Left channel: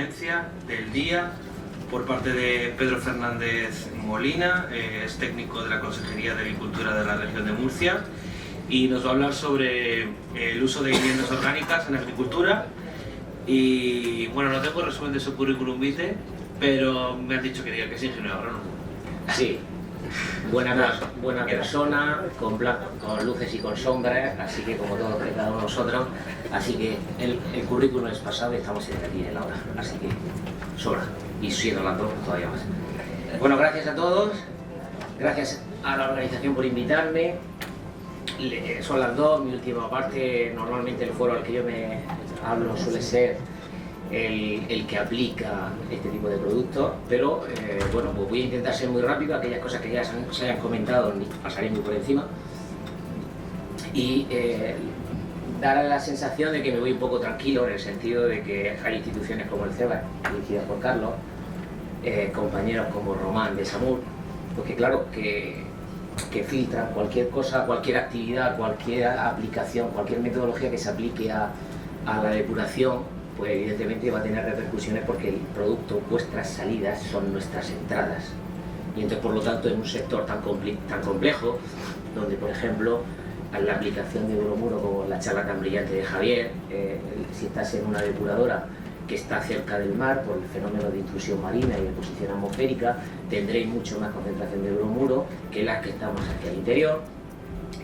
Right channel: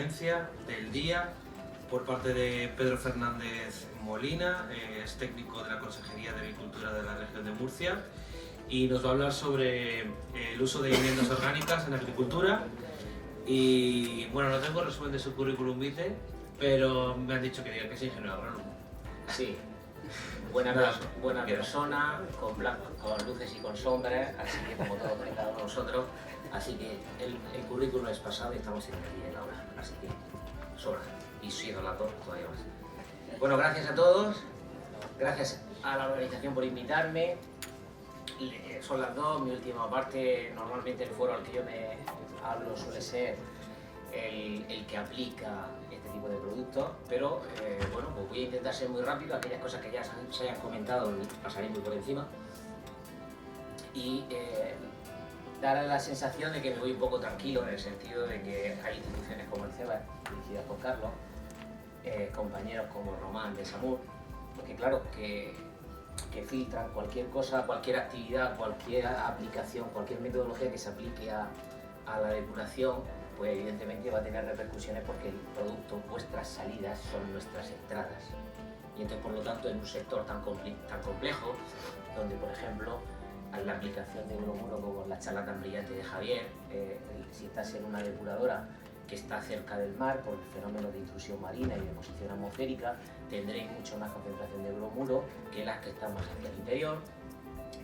ponencia del día por parte de Pedro Fernández Molina, es técnico de la Consejería de Agricultura de la región de Murcia, y nos va a hablar sobre el uso de viviendas orgánicas en la agricultura. Y bueno, no tengo resumen de su currículum vitae, pero me han dicho que diga que es ingeniero agrónomo. Sí, buena persona, con luces y con sombras, así que como todos y cada uno de nosotros, así que el currículum es pasado y estamos en el aquí y en el ahora, así que sobra, y siendo las dos todavía más. Bueno, gracias a todos, gracias a la organización por invitarme. Son las dos, mi última parte. Normalmente el foro al que yo me hablo suele ser el que aplica este tipo de productos, pero bueno, pues voy a intentar ser muy rápido. Aquellas cosas que ya se hayan comentado pasaré muy por encima y dar la sensación de que me voy un poco tranquilo, en el sentido de que hay instituciones como el CEBA, dirigidas por Carlos, compañeros como Román de Samur, porque claro, que filtran cualquier cosa, cualquier actividad, cualquier aplicación, cualquier metodología que se aplique a la depuración, pues evidentemente va a tener repercusiones, porque el producto, vuestras salidas son nuestras entradas. Y entonces, por lo tanto, en un sector tan complejo, donde por ejemplo la aplicación de bromuro, como la charla tan brillante de Javier, si estás en una depuradora que está cerca del mar por el fenómeno de intrusión marina y de exposición atmosférica, tendréis mucho más concentración de bromuro que las que están más hacia el interior,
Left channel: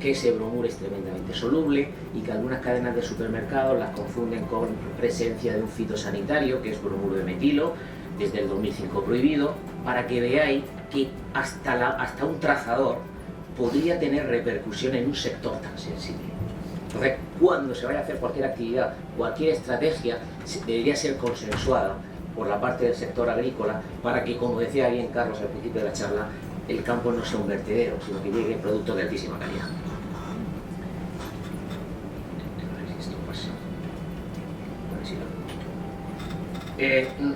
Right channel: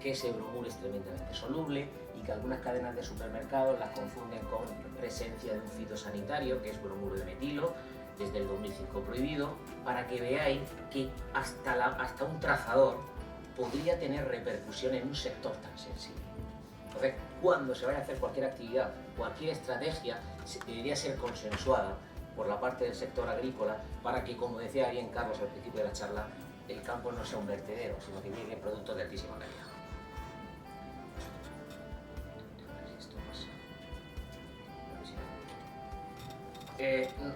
que ese bromuro es tremendamente soluble y que algunas cadenas de supermercados las confunden con presencia de un fitosanitario, que es bromuro de metilo, desde el 2005 prohibido, para que veáis que hasta un trazador podría tener repercusión en un sector tan sensible. Entonces, cuando se vaya a hacer cualquier actividad, cualquier estrategia, debería ser consensuada por la parte del sector agrícola, para que, como decía bien Carlos al principio de la charla, el campo no sea un vertedero, sino que llegue productos de altísima calidad.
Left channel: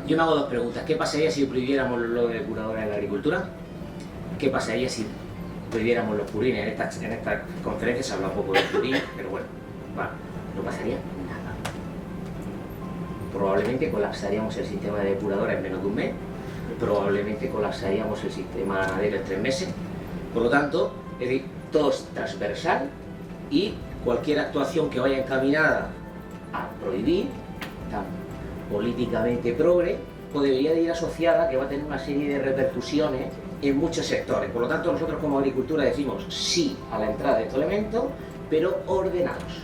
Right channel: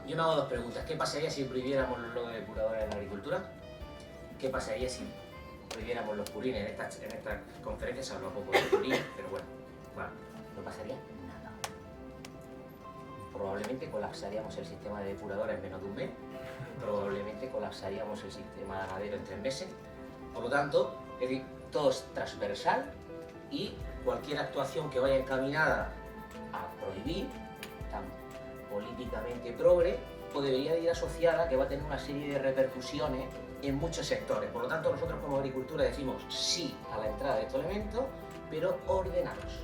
Yo me hago dos preguntas. ¿Qué pasaría si prohibiéramos lo de depuradora en la agricultura? ¿Qué pasaría si prohibiéramos los purines? En esta conferencia se habla poco de purines, pero bueno, no pasaría nada. Probablemente colapsaríamos el sistema de depuradora en menos de un mes, probablemente colapsaríamos el sistema ganadero en 3 meses. Por lo tanto, es decir, todo es transversal, y cualquier actuación que vaya encaminada a prohibir, tan políticamente progre, pues debería de ir asociada, que va a tener una serie de repercusiones en muchos sectores. Por lo tanto, nosotros como agricultura decimos sí a la entrada de estos elementos, pero ordenados.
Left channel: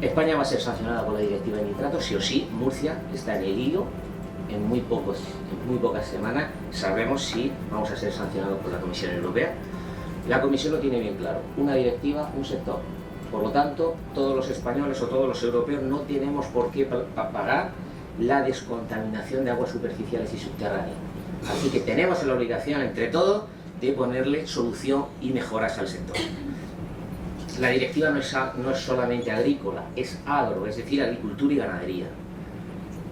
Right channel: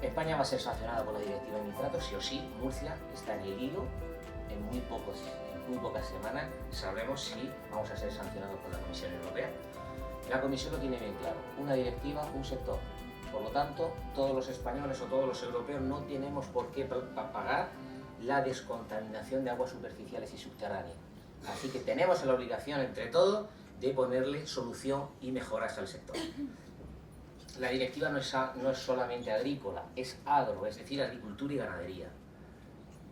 España va a ser sancionada por la directiva de nitratos, sí o sí. Murcia está en el hilo. En muy pocas semanas sabremos si vamos a ser sancionados por la Comisión Europea. La Comisión lo tiene bien claro: una directiva, un sector. Por lo tanto, todos los españoles o todos los europeos no tenemos por qué pagar la descontaminación de aguas superficiales y subterráneas. Así que tenemos la obligación, entre todos, de ponerle solución y mejoras al sector. La directiva no es solamente agrícola, es agro, es decir, agricultura y ganadería.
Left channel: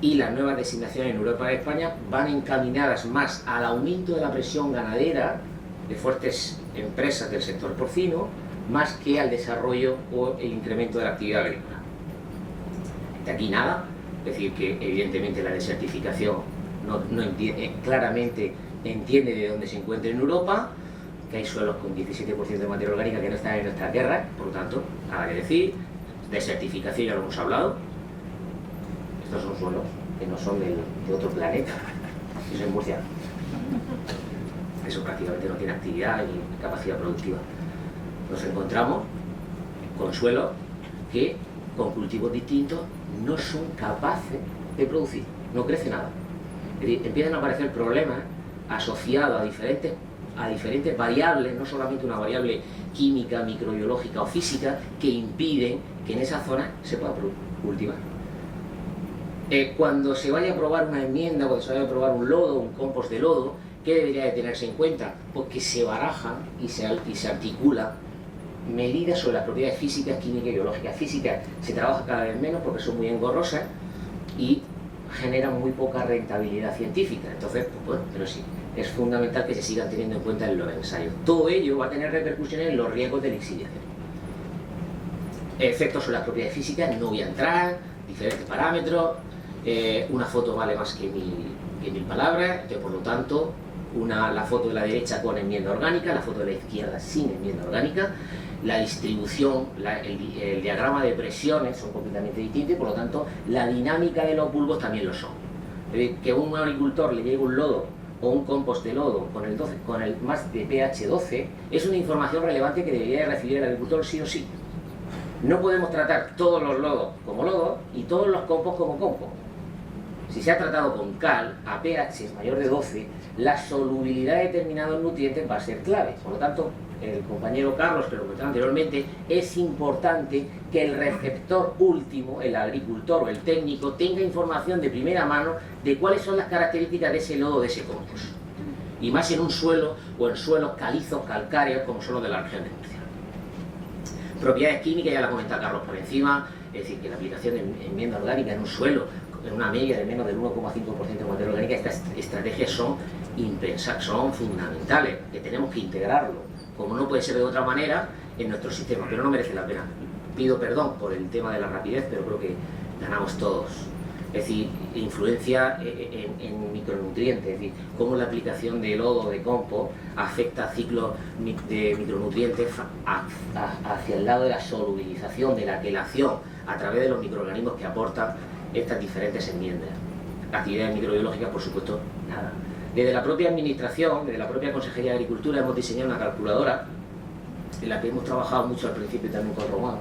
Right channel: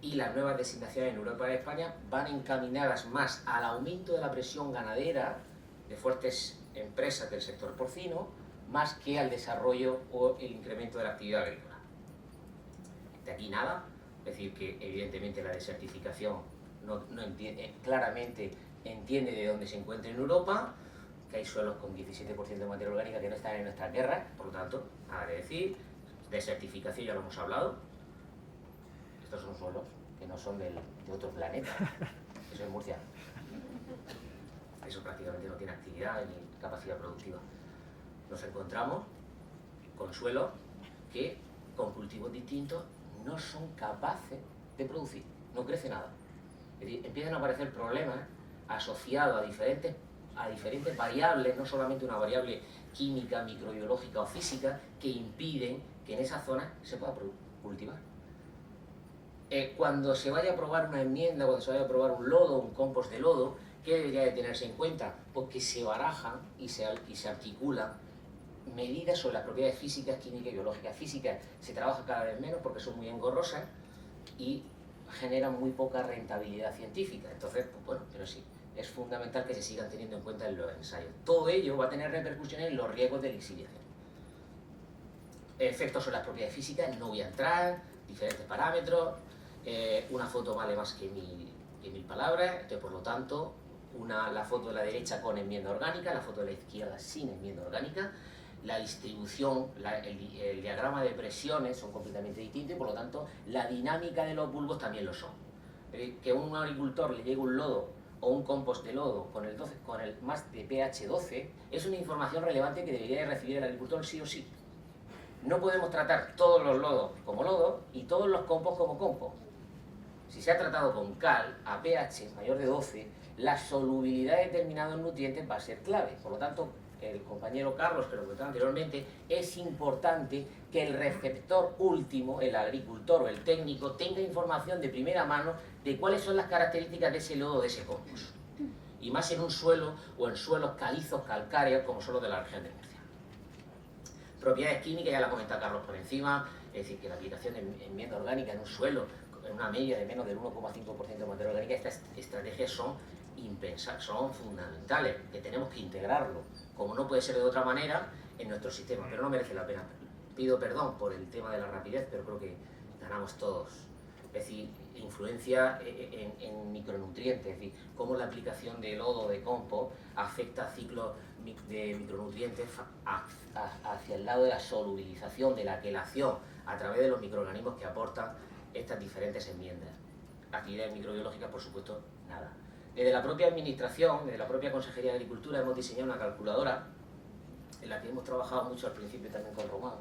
Y las nuevas designaciones en Europa y España van encaminadas más al aumento de la presión ganadera de fuertes empresas del sector porcino, más que al desarrollo o el incremento de la actividad agrícola. De aquí nada, es decir, que evidentemente la desertificación claramente entiende de dónde se encuentra en Europa, que hay suelos con 17% de materia orgánica que no están en nuestra tierra, por lo tanto, nada que decir. Desertificación ya lo hemos hablado. Estos son suelos que no son de otro planeta, eso es Murcia. Eso prácticamente no tiene actividad ni capacidad productiva. Nos encontramos con suelos que, con cultivos distintos, no son capaces de producir, no crece nada. Es decir, empiezan a aparecer problemas asociados a diferentes variables, no solamente una variable química, microbiológica o física, que impiden que en esa zona se pueda cultivar. Cuando se vaya a aprobar una enmienda, cuando se vaya a aprobar un lodo, un compost de lodo, ¿qué debería de tenerse en cuenta? Pues que se barajan y se articulan medidas sobre las propiedades físicas, químicas y biológicas. Físicas se trabaja cada vez menos porque son muy engorrosas y generan muy poca rentabilidad científica. Entonces, pues bueno, pero sí, es fundamental que se sigan teniendo en cuenta en los ensayos. Todo ello va a tener repercusiones en los riesgos de lixiviación. Efectos sobre las propiedades físicas, no voy a entrar, diferentes parámetros, una foto vale más que mil palabras, que por lo tanto la foto de la derecha con enmienda orgánica, la foto de la izquierda sin enmienda orgánica, la distribución, el diagrama de presiones son completamente distintos y por lo tanto la dinámica de los bulbos también lo son. Es decir, que un agricultor le llegue un lodo o un compost de lodo con el más de pH 12 es una información relevante que debería de recibir el agricultor sí o sí. No podemos tratar todos los lodos como lodos y todos los compost como compost. Si se ha tratado con cal a pH mayor de 12, la solubilidad de determinados nutrientes va a ser clave. Por lo tanto, el compañero Carlos, que lo comentaba anteriormente, es importante que el receptor último, el agricultor o el técnico, tenga información de primera mano de cuáles son las características de ese lodo, de ese compost. Y más en un suelo o en suelos calizos, calcáreos, como son los de la región de Murcia. Propiedades químicas, ya la comenta Carlos por encima, es decir, que la aplicación de enmienda orgánica en un suelo, en una media de menos del 1,5% de materia orgánica, estas estrategias son impensables, son fundamentales, que tenemos que integrarlo, como no puede ser de otra manera, en nuestro sistema, pero no merece la pena. Pido perdón por el tema de la rapidez, pero creo que ganamos todos. Es decir, influencia en micronutrientes, es decir, cómo la aplicación de lodo, de compost, afecta a ciclos de micronutrientes hacia el lado de la solubilización, de la quelación, a través de los microorganismos que aportan estas diferentes enmiendas. Actividades microbiológicas, por supuesto, nada. Desde la propia administración, desde la propia Consejería de Agricultura, hemos diseñado una calculadora en la que hemos trabajado mucho al principio también con Román.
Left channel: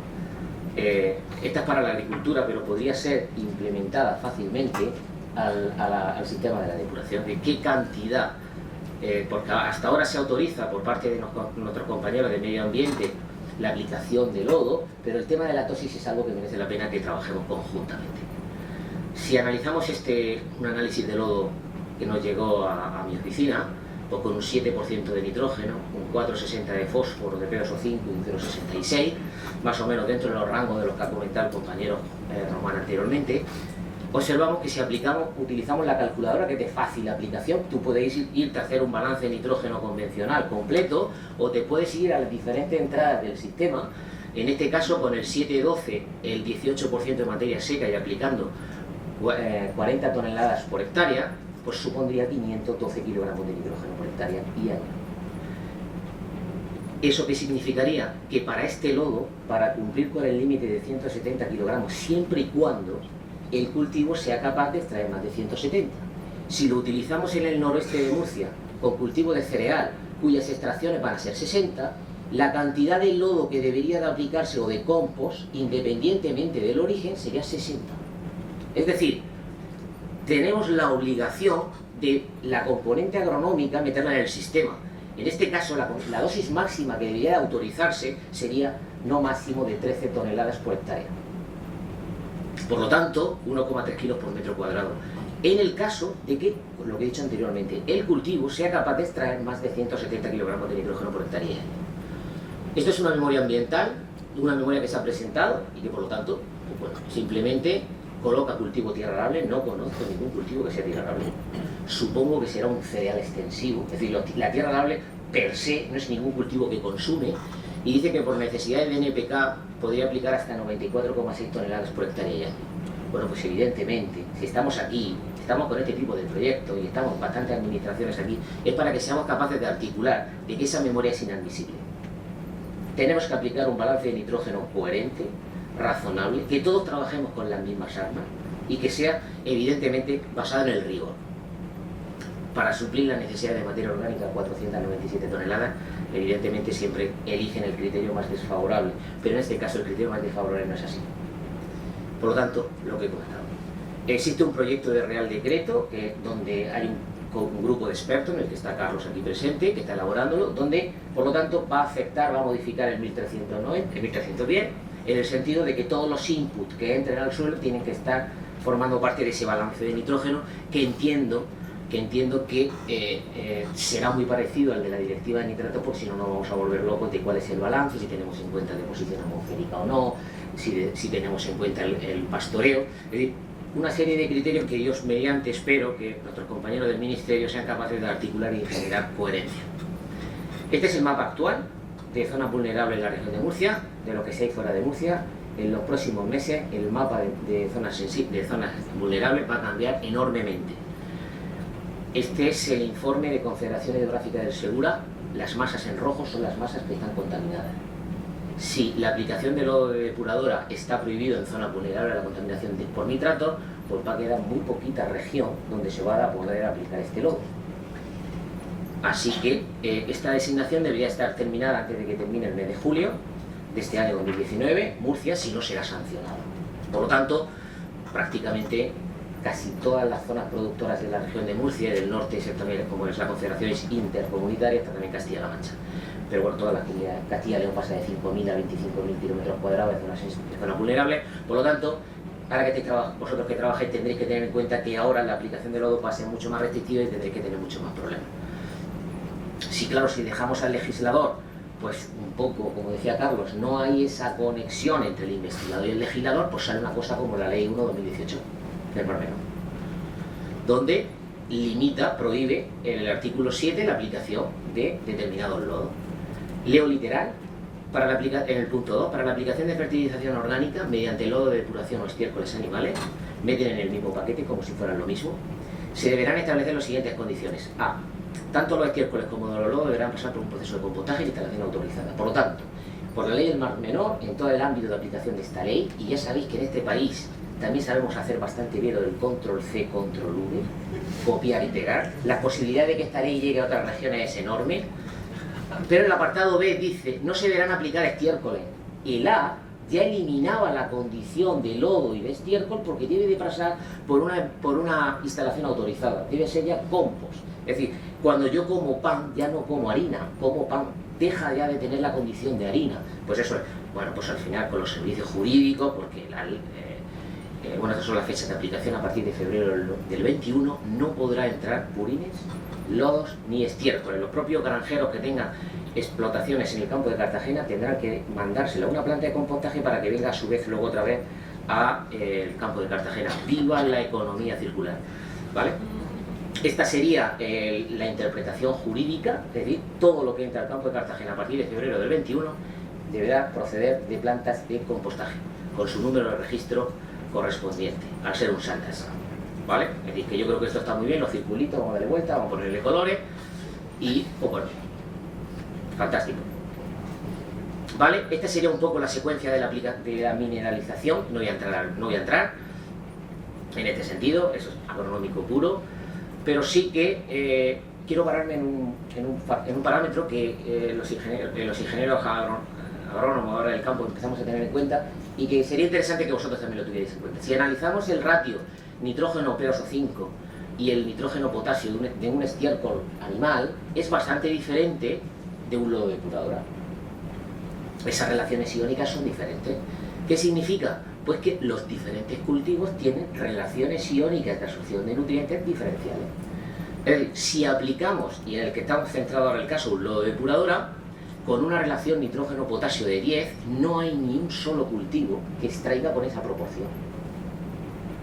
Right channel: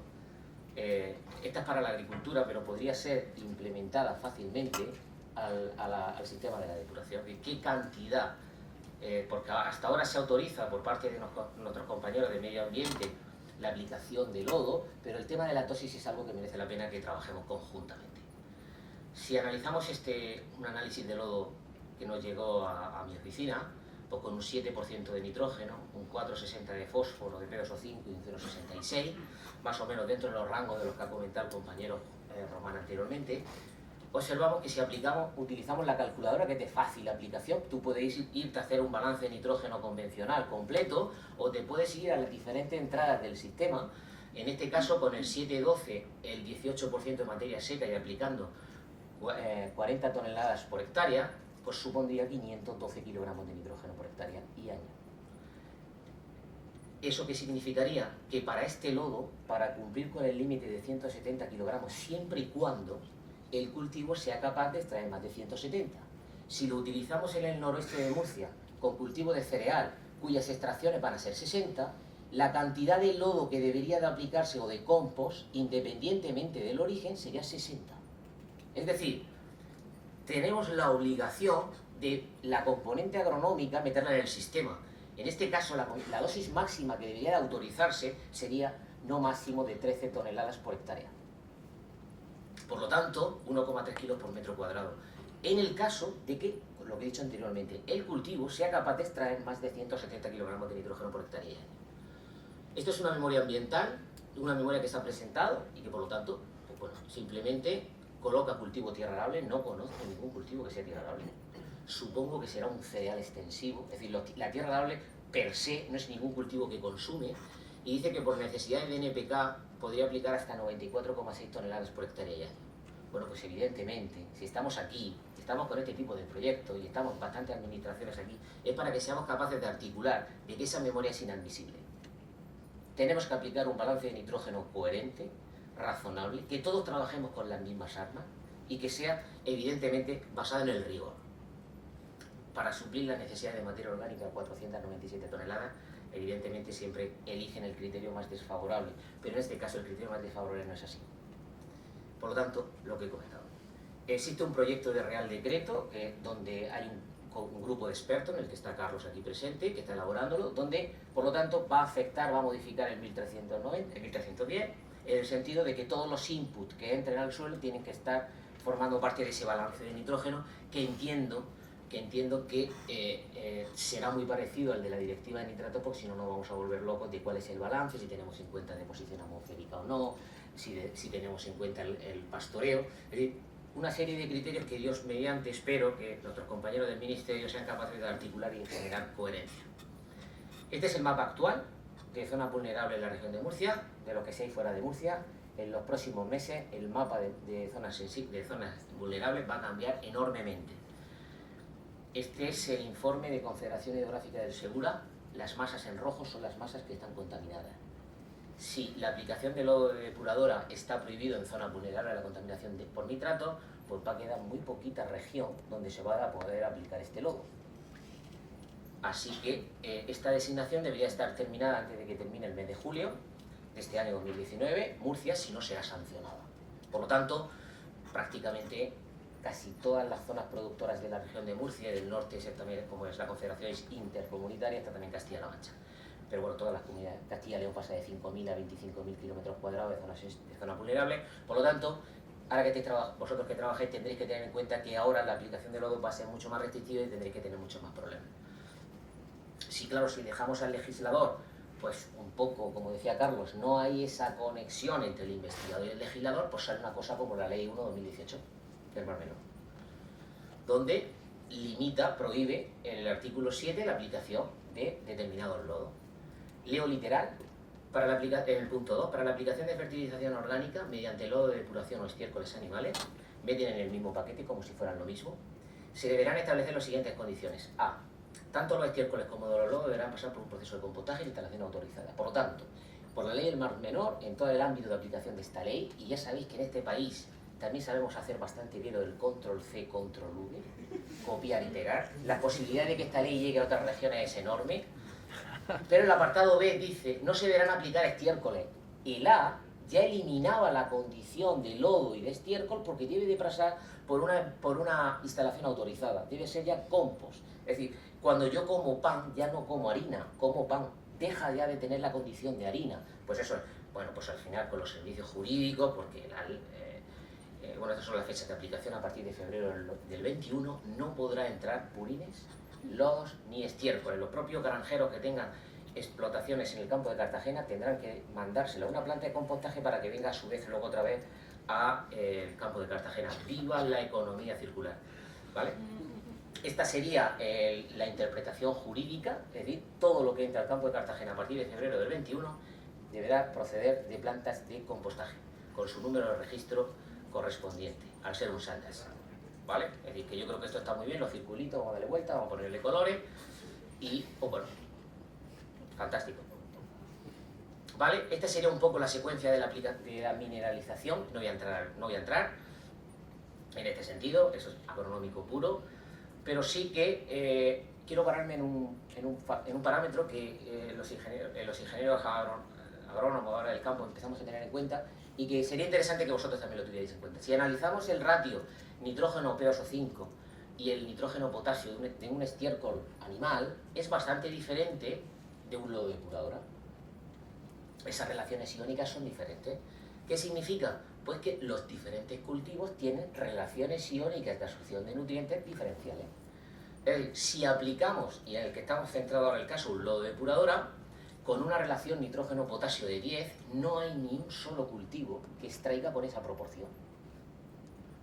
Esta es para la agricultura, pero podría ser implementada fácilmente al sistema de la depuración. ¿De qué cantidad? Porque hasta ahora se autoriza por parte de nuestros compañeros de medio ambiente la aplicación de lodo, pero el tema de la tosis es algo que merece la pena que trabajemos conjuntamente. Si analizamos un análisis de lodo que nos llegó a mi oficina, pues con un 7% de nitrógeno, un 4,60 de fósforo, de PO5 y un 0,66, más o menos dentro de los rangos de los que ha comentado el compañero Román anteriormente, observamos que si utilizamos la calculadora, que es de fácil aplicación, tú puedes irte a hacer un balance de nitrógeno convencional completo, o te puedes ir a las diferentes entradas del sistema, en este caso con el 7,12, el 18% de materia seca y aplicando 40 toneladas por hectárea, pues supondría 512 kilogramos de nitrógeno por hectárea y año. ¿Eso qué significaría? Que para este lodo, para cumplir con el límite de 170 kilogramos, siempre y cuando el cultivo sea capaz de extraer más de 170. Si lo utilizamos en el noroeste de Murcia, con cultivo de cereal, cuyas extracciones van a ser 60, la cantidad de lodo que debería de aplicarse o de compost, independientemente del origen, sería 60. Es decir, tenemos la obligación de la componente agronómica meterla en el sistema. En este caso, la dosis máxima que debería de autorizarse sería no máximo de 13 toneladas por hectárea. Por lo tanto, 1,3 kilos por metro cuadrado. En el caso de que, lo que he dicho anteriormente, el cultivo sea capaz de extraer más de 170 kilogramos de nitrógeno por hectárea. Esto es una memoria ambiental, una memoria que se ha presentado y que por lo tanto, pues bueno, simplemente coloca cultivo tierra arable. No conozco ningún cultivo que sea tierra arable. Supongo que será un cereal extensivo, es decir, la tierra arable per se no es ningún cultivo que consume, y dice que por necesidades de NPK podría aplicar hasta 94,6 toneladas por hectárea y año. Bueno, pues evidentemente, si estamos aquí, estamos con este tipo de proyectos y estamos bastantes administraciones aquí, es para que seamos capaces de articular de que esa memoria es inadmisible. Tenemos que aplicar un balance de nitrógeno coherente, razonable, que todos trabajemos con las mismas armas y que sea evidentemente basado en el rigor. Para suplir la necesidad de materia orgánica, 497 toneladas, evidentemente siempre eligen el criterio más desfavorable, pero en este caso el criterio más desfavorable no es así. Por lo tanto, lo que he comentado. Existe un proyecto de Real Decreto donde hay un grupo de expertos, en el que está Carlos aquí presente, que está elaborándolo, donde, por lo tanto, va a modificar el 1310, en el sentido de que todos los inputs que entren al suelo tienen que estar formando parte de ese balance de nitrógeno, que entiendo que será muy parecido al de la directiva de nitrato, porque si no nos vamos a volver locos de cuál es el balance, si tenemos en cuenta deposición atmosférica o no, si tenemos en cuenta el pastoreo. Es decir, una serie de criterios que yo mediante espero que nuestros compañeros del Ministerio sean capaces de articular y generar coherencia. Este es el mapa actual de zonas vulnerables en la región de Murcia, de lo que se hay fuera de Murcia, en los próximos meses el mapa de zonas vulnerables va a cambiar enormemente. Este es el informe de Confederación Hidrográfica del Segura. Las masas en rojo son las masas que están contaminadas. Si la aplicación de lodo de depuradora está prohibido en zonas vulnerables a la contaminación por nitratos, pues va a quedar muy poquita región donde se va a poder aplicar este lodo. Así que esta designación debería estar terminada antes de que termine el mes de julio de este año 2019. Murcia, si no, será sancionado. Por lo tanto, prácticamente casi todas las zonas productoras de la región de Murcia y del norte, también, como es la Confederación Intercomunitaria, está también Castilla-La Mancha. Pero bueno, todas las comunidades, Castilla y León pasa de 5.000 a 25.000 kilómetros cuadrados de zonas vulnerables. Por lo tanto, ahora que vosotros que trabajáis tendréis que tener en cuenta que ahora la aplicación del lodo va a ser mucho más restrictiva y tendréis que tener mucho más problemas. Sí, claro, si dejamos al legislador, pues un poco, como decía Carlos, no hay esa conexión entre el investigador y el legislador, pues sale una cosa como la Ley 1/2018 del Mar Menor, donde limita, prohíbe en el artículo 7 la aplicación de determinados lodos. Leo literal, en el punto 2, para la aplicación de fertilización orgánica mediante lodo de depuración o estiércoles animales, meten en el mismo paquete como si fueran lo mismo, se deberán establecer las siguientes condiciones. A. Tanto los estiércoles como los lodos deberán pasar por un proceso de compostaje y instalación autorizada. Por lo tanto, por la ley del Mar Menor, en todo el ámbito de aplicación de esta ley, y ya sabéis que en este país también sabemos hacer bastante bien lo del control-C, control-V, copiar y pegar, la posibilidad de que esta ley llegue a otras regiones es enorme, pero el apartado B dice, no se deberán aplicar estiércoles. El A ya eliminaba la condición de lodo y de estiércol porque debe de pasar por una instalación autorizada, debe ser ya compost. Es decir, cuando yo como pan, ya no como harina, como pan, deja ya de tener la condición de harina. Pues eso es, bueno, pues al final con los servicios jurídicos, porque bueno, estas son las fechas de aplicación, a partir de febrero del 21 no podrá entrar purines, lodos ni estiércoles. Los propios granjeros que tengan explotaciones en el campo de Cartagena tendrán que mandárselo a una planta de compostaje para que venga a su vez luego otra vez al campo de Cartagena. ¡Viva la economía circular! ¿Vale? Esta sería la interpretación jurídica, es decir, todo lo que entra al campo de Cartagena a partir de febrero del 21 deberá proceder de plantas de compostaje, con su número de registro correspondiente, al ser un SANDAS, ¿vale? Es decir, que yo creo que esto está muy bien, los circulitos, vamos a darle vuelta, vamos a ponerle colores y, pues bueno, fantástico. ¿Vale? Esta sería un poco la secuencia de la mineralización, no voy a entrar en este sentido, eso es agronómico puro, pero sí que quiero pararme en un parámetro que los ingenieros agrónomos ahora del campo empezamos a tener en cuenta y que sería interesante que vosotros también lo tuvierais en cuenta. Si analizamos el ratio nitrógeno PO5 y el nitrógeno potasio de un estiércol animal, es bastante diferente de un lodo de depuradora. Esas relaciones iónicas son diferentes. ¿Qué significa? Pues que los diferentes cultivos tienen relaciones iónicas de absorción de nutrientes diferenciales. Es decir, si aplicamos, y en el que estamos centrados ahora el caso, un lodo de depuradora, con una relación nitrógeno-potasio de 10, no hay ni un solo cultivo que extraiga con esa proporción.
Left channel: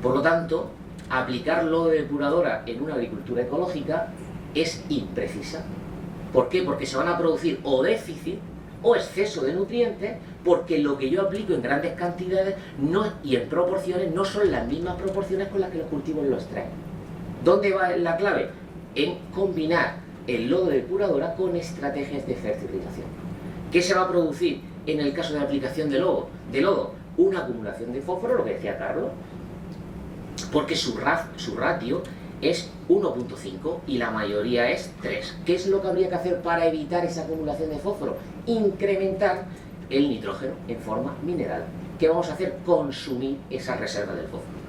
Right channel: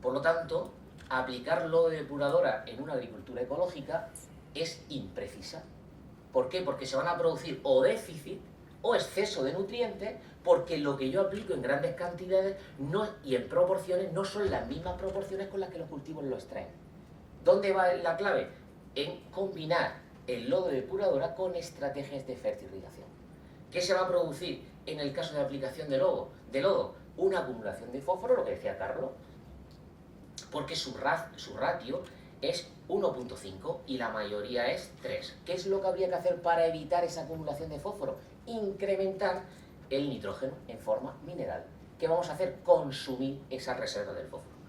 Por lo tanto, aplicar lodo de depuradora en una agricultura ecológica es imprecisa. ¿Por qué? Porque se van a producir o déficit o exceso de nutrientes, porque lo que yo aplico en grandes cantidades y en proporciones no son las mismas proporciones con las que los cultivos lo extraen. ¿Dónde va la clave? En combinar el lodo de depuradora con estrategias de fertilización. ¿Qué se va a producir en el caso de aplicación de lodo? Una acumulación de fósforo, lo que decía Carlos, porque su ratio es 1.5 y la mayoría es 3. ¿Qué es lo que habría que hacer para evitar esa acumulación de fósforo? Incrementar el nitrógeno en forma mineral. ¿Qué vamos a hacer? Consumir esa reserva del fósforo.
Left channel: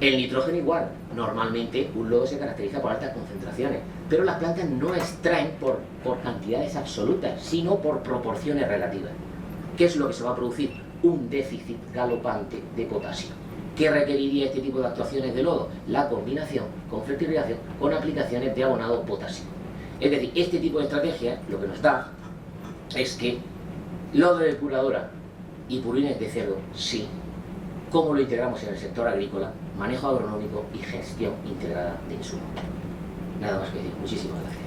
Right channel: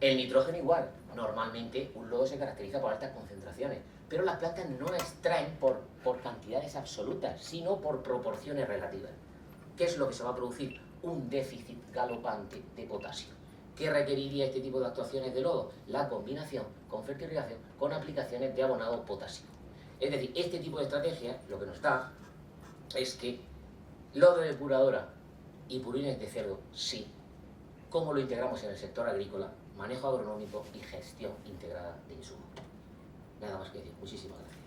El nitrógeno igual. Normalmente un lodo se caracteriza por altas concentraciones, pero las plantas no extraen por cantidades absolutas, sino por proporciones relativas. ¿Qué es lo que se va a producir? Un déficit galopante de potasio. ¿Qué requeriría este tipo de actuaciones de lodo? La combinación con fertilización con aplicaciones de abonado potásico. Es decir, este tipo de estrategia lo que nos da es que lodo de depuradora y purines de cerdo, sí. ¿Cómo lo integramos en el sector agrícola? Manejo agronómico y gestión integrada de insumos. Nada más que decir. Muchísimas gracias.